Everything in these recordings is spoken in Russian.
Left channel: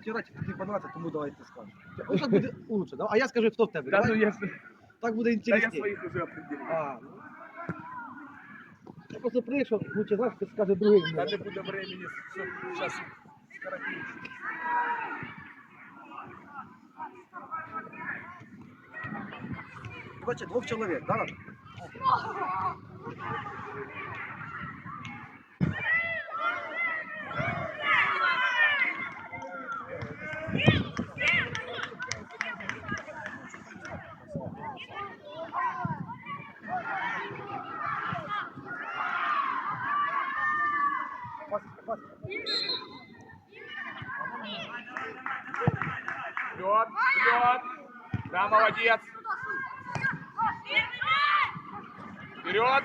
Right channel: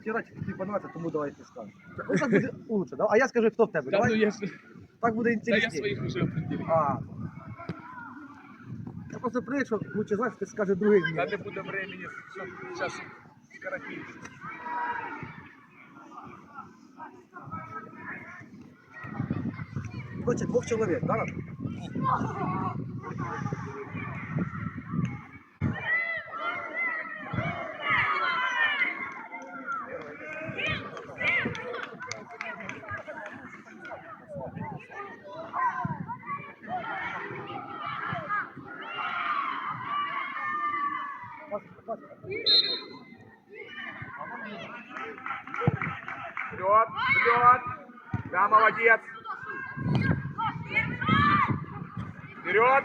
втирати, тобі понравиться, тому давай ти скажеш. Ну так буде лучше, да? А я скажу, хто в тебе. Да, ну Давай, я, ж- так буде да я інтересніше. своих уже определил. А. Я просто привик, що лучше знаєш, ти скаже другий. Да ні. не буде времени, сейчас скоротить. Короче, двох чоловік, да? Вперед, вперед. Да, молодец. Вперед.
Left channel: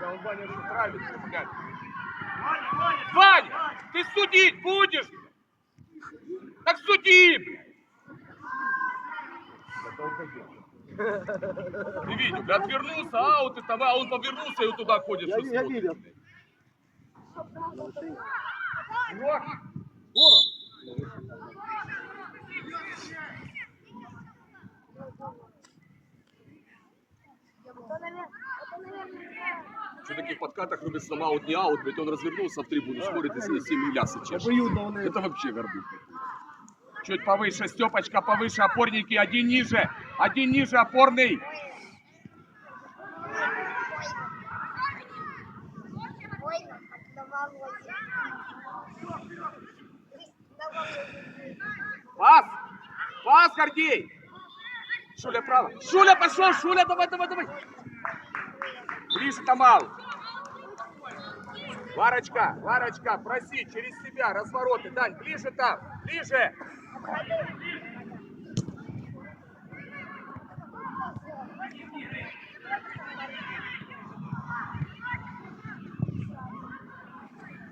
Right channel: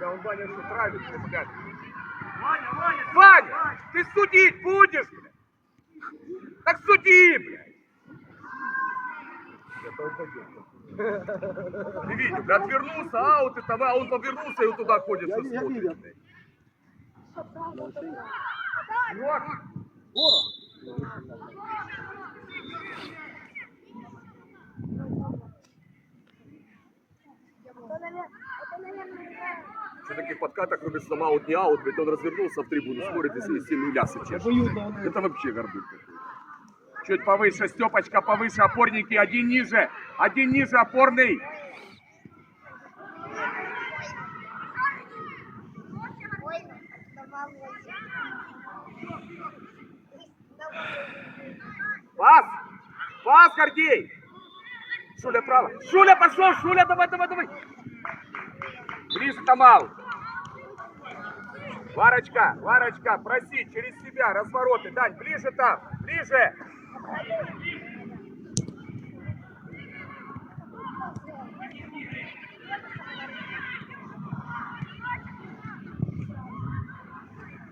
Да он Ваня что нравится, ребят. Ваня, ты судить будешь? Так суди, блядь. Ты видел, блядь, отвернулся, аут, это, а он повернулся и вот туда ходит. Я, я видел. Вот. Что таких подкатах, кроме сам аут, не аут, блядь, он развернулся в трибуну, смотрит и себе 7 лясы чешет. Это вообще горбух какой-то. Чуть повыше, Степочка, повыше, опорники, один ниже, один ниже, опорный. Пас! Пас, Гордей! Шуля право. Шуля пошел, Шуля, давай, давай, давай. Ближе Тамал. Варочка, Варочка, проси через себя, развороты. Дань, ближе там, ближе.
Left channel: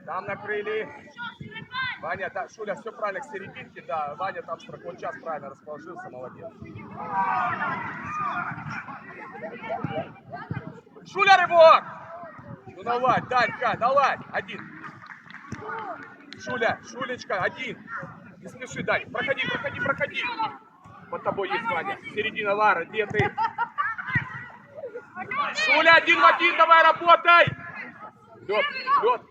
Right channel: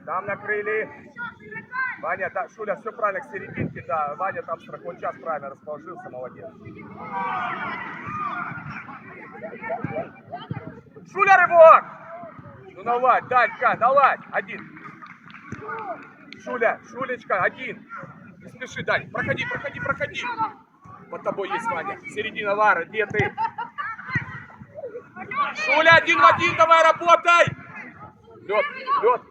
Там накрыли. Ваня, да, Шуля, все правильно, к серединке, да. Ваня там страховой час правильно расположился, молодец. Шуля, рывок! Ну наладь, Данька, наладь, один. Шуля, Шулечка, один. Не спеши, Дань, проходи, проходи, проходи. Под тобой есть Ваня. Середина Лара, где ты? Шуля, один в один, давай работай! Лед, лед.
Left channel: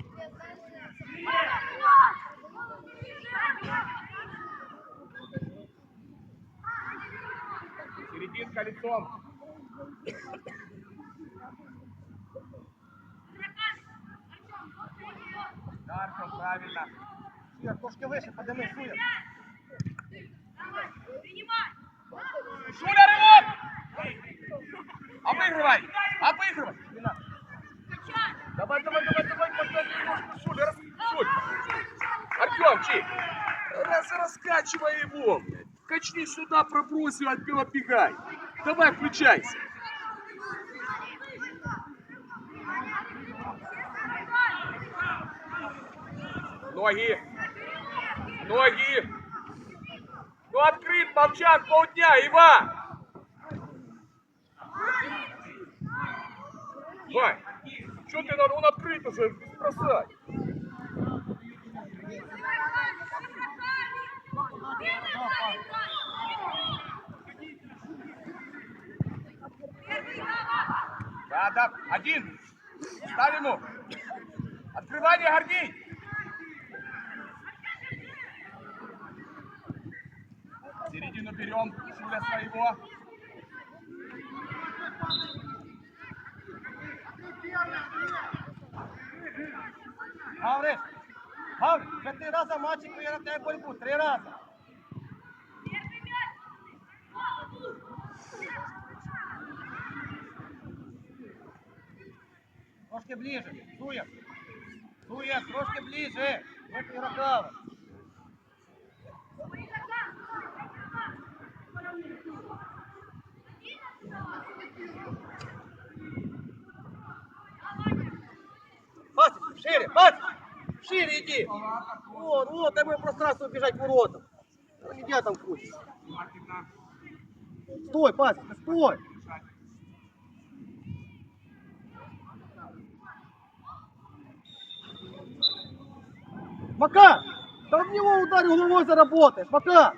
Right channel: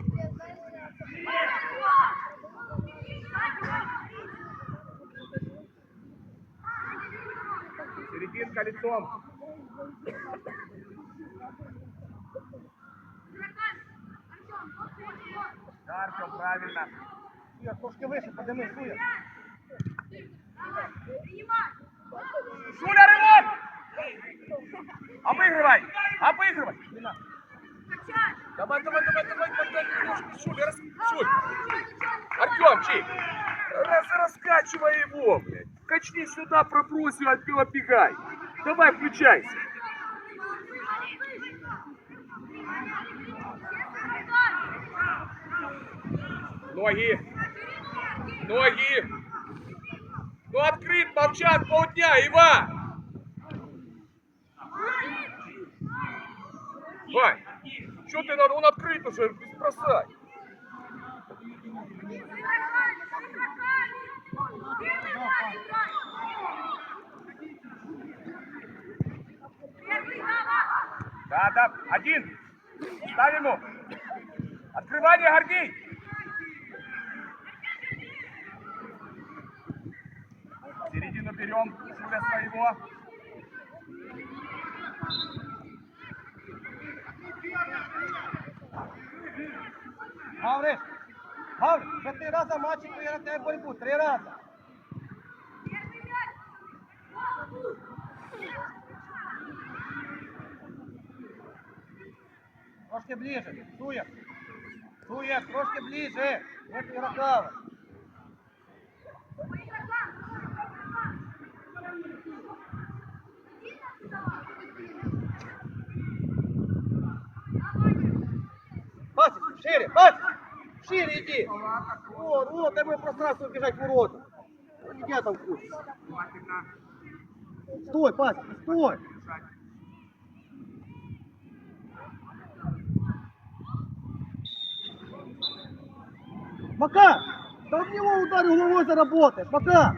Серединка лицом. Дарко, правильно. Суя, трошки вище, подими, Суя. Шуля, рывок! Обыгрывай! Обыгрывай! Давай, давай, давай, давай, давай, Шуля, рас... Шуль! Артемчик! Раз, раскачивай его, блядь! Качни сюда, пробросил, отбил, бегай! Давай, включайся! Ноги! Ноги! Ну открыт, молчан, полдня, Иван! Вань, что ты надо, он открыт уже, бросай. Да, да, один. Ставь ему. Открывание, Гордей. Середину берем, Шуля своего. Гавриш! Гавриш, вже три рази в матчі я на тебе боротьбу, три рази. Трошки ближе, Суя. Суя, трошки ближе. Не переграва. Батя, шире, батя, шире иди. Вот, вот, дай мне пространство бежать в ворота. Где там? Внимательно. Стой, пасик, стой. Пока! Да в него ударь головой заработай, пока!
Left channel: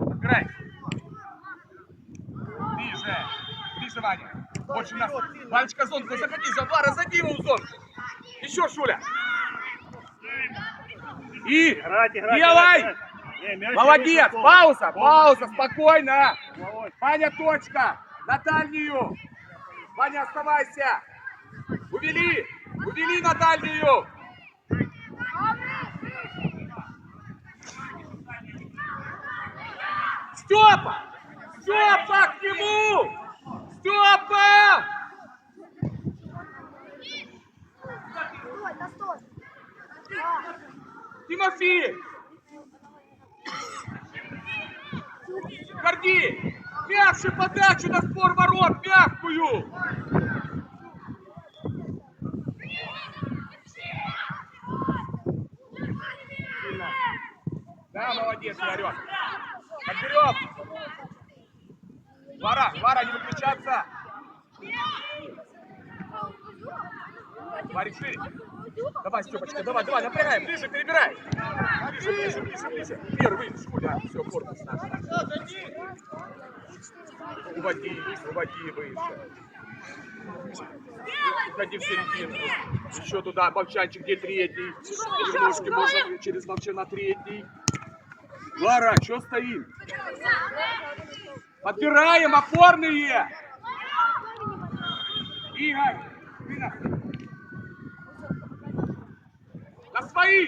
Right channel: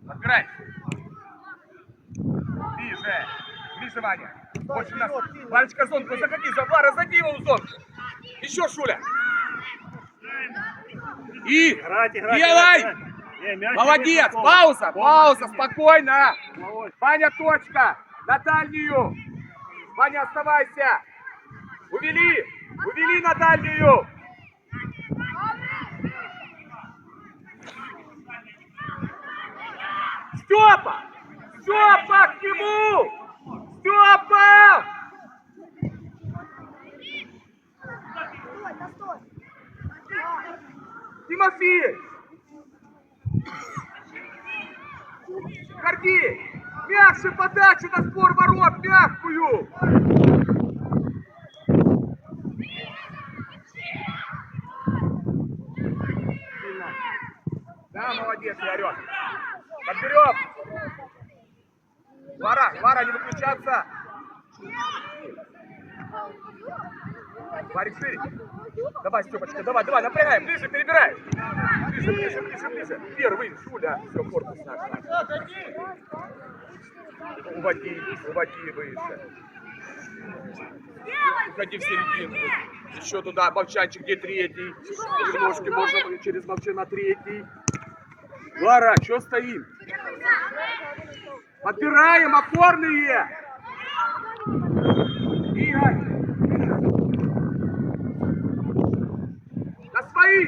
Отбирай. Ближе. Ближе, Ваня. Больше нас. Ванечка, зонку заходи. Завара, заходи его в зонку. Еще, Шуля. И Играть, играть, делай! играть, играть. Молодец! Пауза! Пауза! Спокойно! Ваня, точка! На дальнюю! Ваня, оставайся! Увели! Увели на дальнюю! Степа! Степа, к нему! Степа! Тимофей! Горди! Мягче подачу на спор ворот! Мягкую! Да, молодец, Игорек. Подберем. Вара, Вара, не выключаться. Варик, шире. Давай, Степочка, давай, давай, напрягай, ближе, перебирай. Ближе, ближе, ближе, ближе. Первый, Шуля, все, корпус наш. Уводи, уводи выше. Уходи в середину. Еще туда, Бовчанчик, где третий. Немножко можно через Бовчана третий. Лара, что стоим? Подбираем опорные! Игорь! На свои!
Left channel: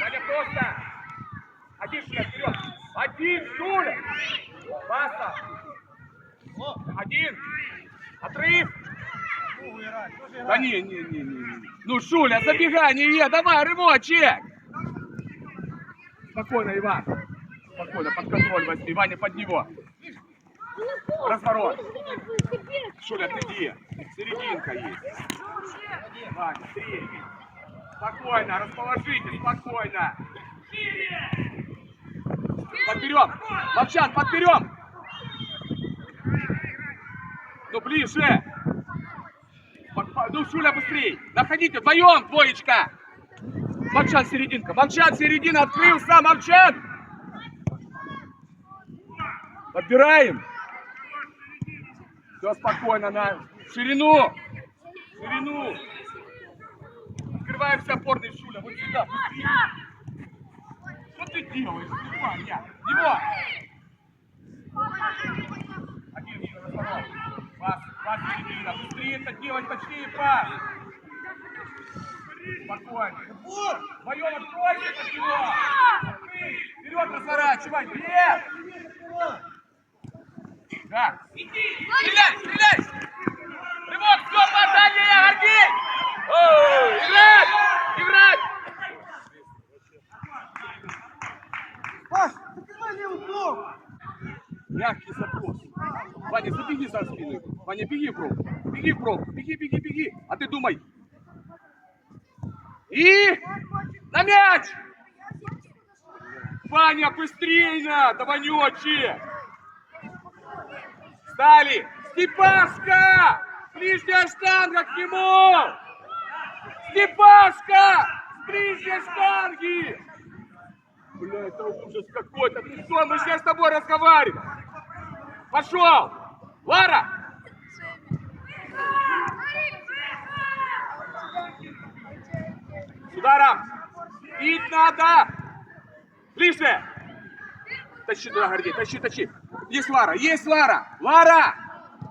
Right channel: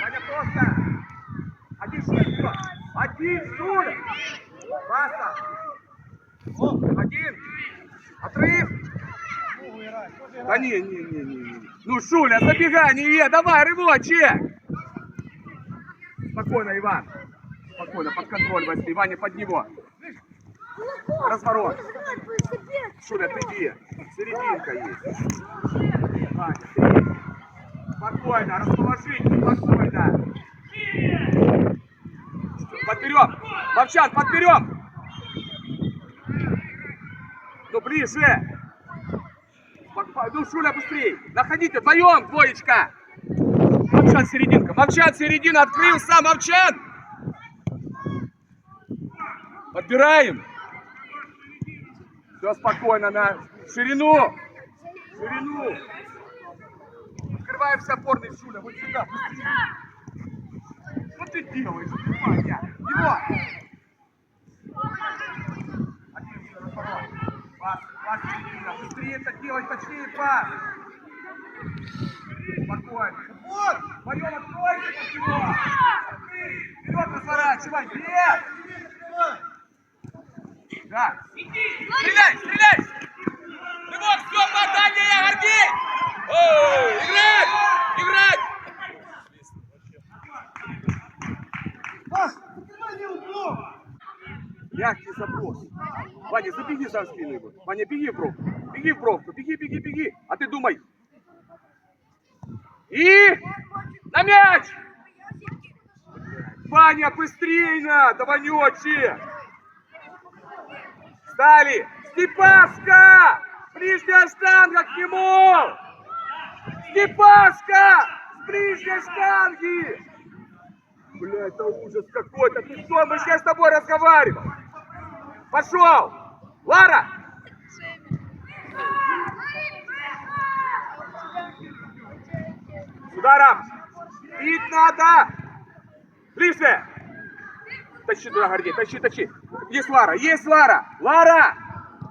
Ваня просто! Один вперед! Один Шуля! Паса! Один! Отрыв! Да не, не, не, не. Ну, Шуля, забегай, не давай, рывочек! Спокойно, Иван. Спокойно, под контроль возьми. Ваня, под него. Разворот. Шуля, отойди. Серединка есть. Ваня, ты. Спокойно, расположите, спокойно. Подберем. Ловчан, подберем. Ну, ближе. Ну, Шуля, быстрей. Находите, вдвоем, двоечка. Мовчан, серединка. Мовчан, середина, открылся, Мовчан. Подбираем. Все спокойно, на ширину. Ширину. Открываемся опорный, Шуля, вот сюда, быстрее. Что ты делаешь? Ваня? Его! Один еще. Пас, пас, середина. Быстрее это делать, точнее пас. Спокойно. Вот! Вдвоем откройте от него! Вперед разворачивай! Нет! Да! Стреляй! Стреляй! Рывок! Дальняя! Горди! Оу! Играть! Играть! Паш, закрывай блок! Мягкий запрос. Ваня, забеги за спину. Ваня, беги в пробку. Беги в пробку. Беги, беги, беги. А ты думай. И на мяч! Ваня, быстрее надо, Ванечи! Стали! Степашка! Ближняя штанга к нему! Степашка! С ближней штанги! Бля, это ужас какой-то. Что, мы все с тобой разговариваем. Пошел! Лара! С ударом! Бить надо! Ближе! Тащи туда, Гордей, тащи, тащи. Есть Лара, есть Лара! Лара!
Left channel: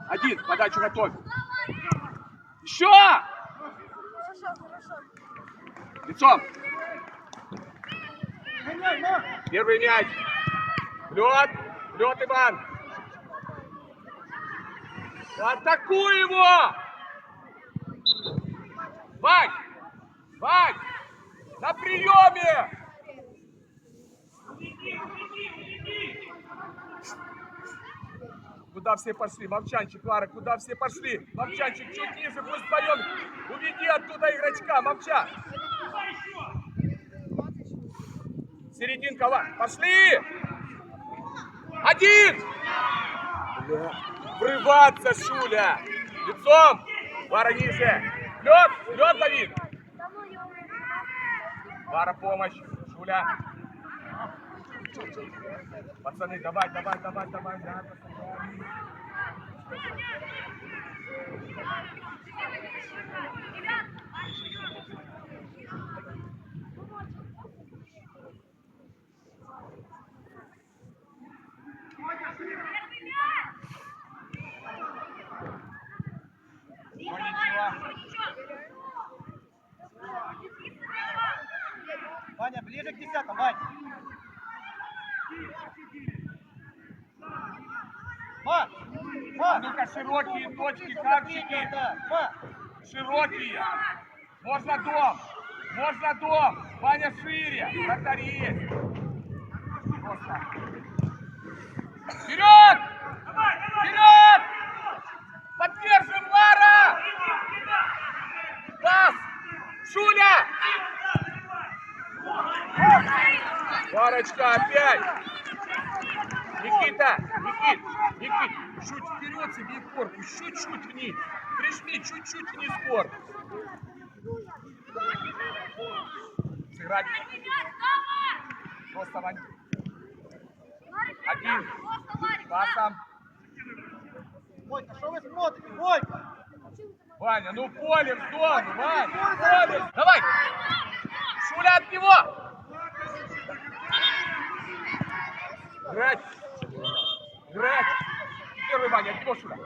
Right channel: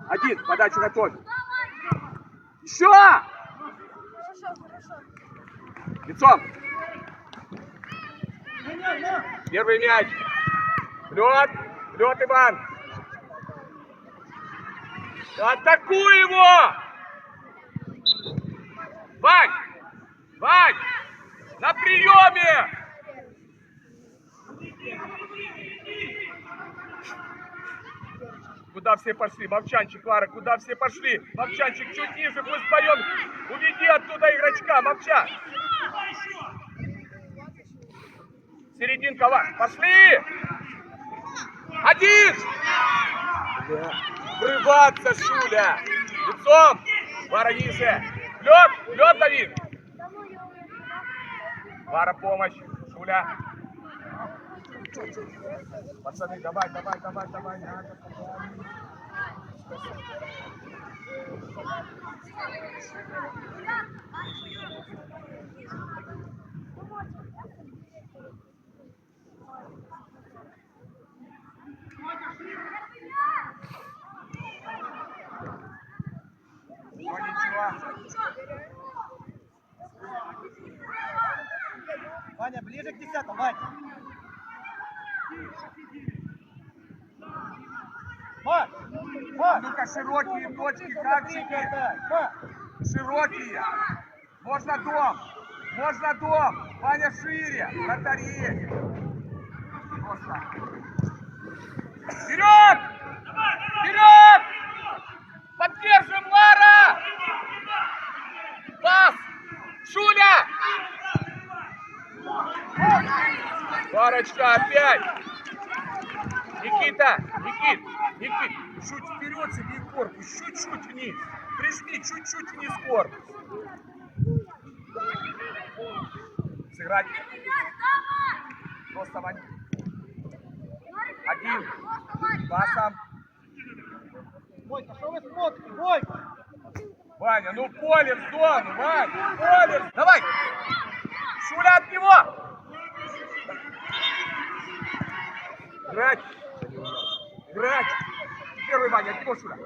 Один, подачу готовь. Еще! Лицом! Первый мяч. Лед. Лед, Иван. Атакуй его! Вань! Вань! На приеме! Куда все пошли? Мовчанчик, Лара, куда все пошли? Мовчанчик, чуть ниже, пусть вдвоем. Уведи оттуда игрочка, Мовчан. Серединка, Ла. Пошли! Один! Бля, Врываться, Шуля! Лицом! Ниже! Лед! Лед, Давид! Лара, помощь! Шуля! Пацаны, давай, давай, давай, давай, давай. Ваня, Вань! Ма! Ма! Ну-ка, широкие точки, Ближе как к третьей чики. отдай! Ма! Широкие. Можно дом. Можно дом. Ваня шире. Есть. Просто. Вперед! Вперед! Поддержим Лара! Пас! Шуля! Варочка опять! Никита! Никит! Никит! Чуть вперед себе корпус, чуть-чуть вниз. Прижми чуть-чуть вниз корпус. Сыграть. Просто Вань. Один. Пасом. Бойка, что вы смотрите? Бойка! Ваня, ну поле в зону, Вань, поле. Давай. Шуля от него. Играть. Играть. Первый Ваня, от него Шуля.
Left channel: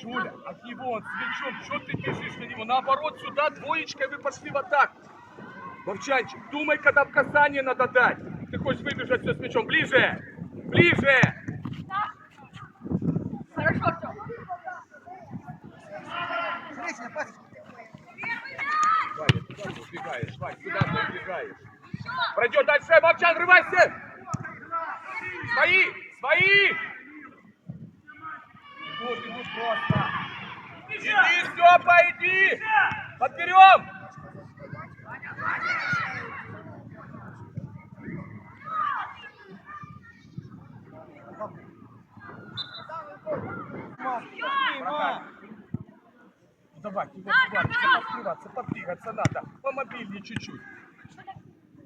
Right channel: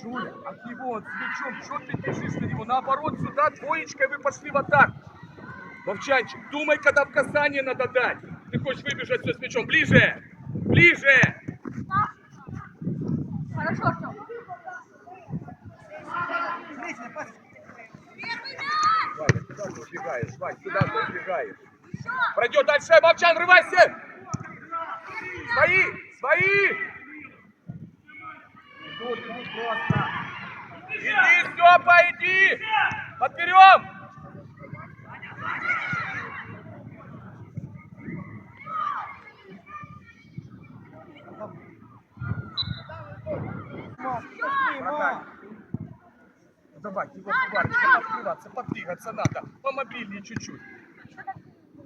Шуля, от него, он с мячом. Что ты бежишь на него? Наоборот, сюда двоечкой вы пошли в атаку. Вовчанчик, думай, когда в касание надо дать. Ты хочешь выбежать все с мячом. Ближе. Ближе. Хорошо, Артем. Встречная пас! Ваня, куда ты убегаешь? Вань, куда ты убегаешь? Пройдет дальше, Мовчан, рывайся! Свои! Идут, идут просто. Иди, Степа, иди! Подберем! Ну давай, тебе подбираться, подвигаться надо. Помобильнее чуть-чуть.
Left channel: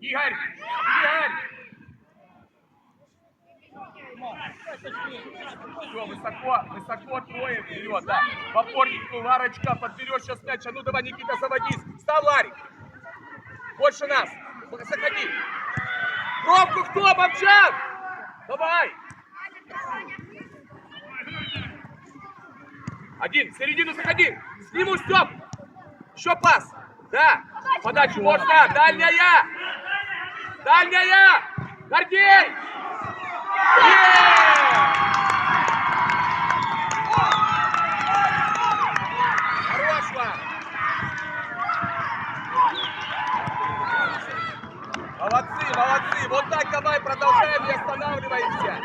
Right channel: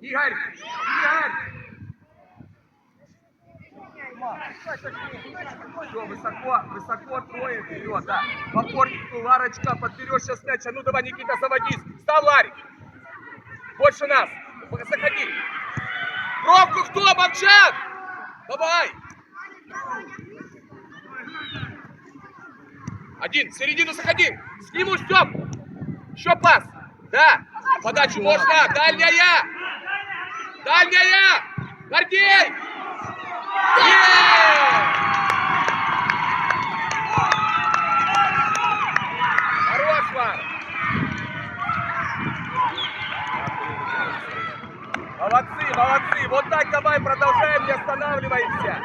Игорь! Игорь! Все, высоко, высоко трое вперед, да. В опорнику Ларочка, подберешь сейчас мяч. А ну давай, Никита, заводись. Став, Ларик. Больше нас. Заходи. Пробку кто, Мовчан? Давай. Один, в середину заходи. Сниму, Степ. Еще пас. Да. Подачу можно. Дальняя. Дальняя. Гордей. Молодцы, молодцы! Вот так давай продолжаем, не останавливаемся!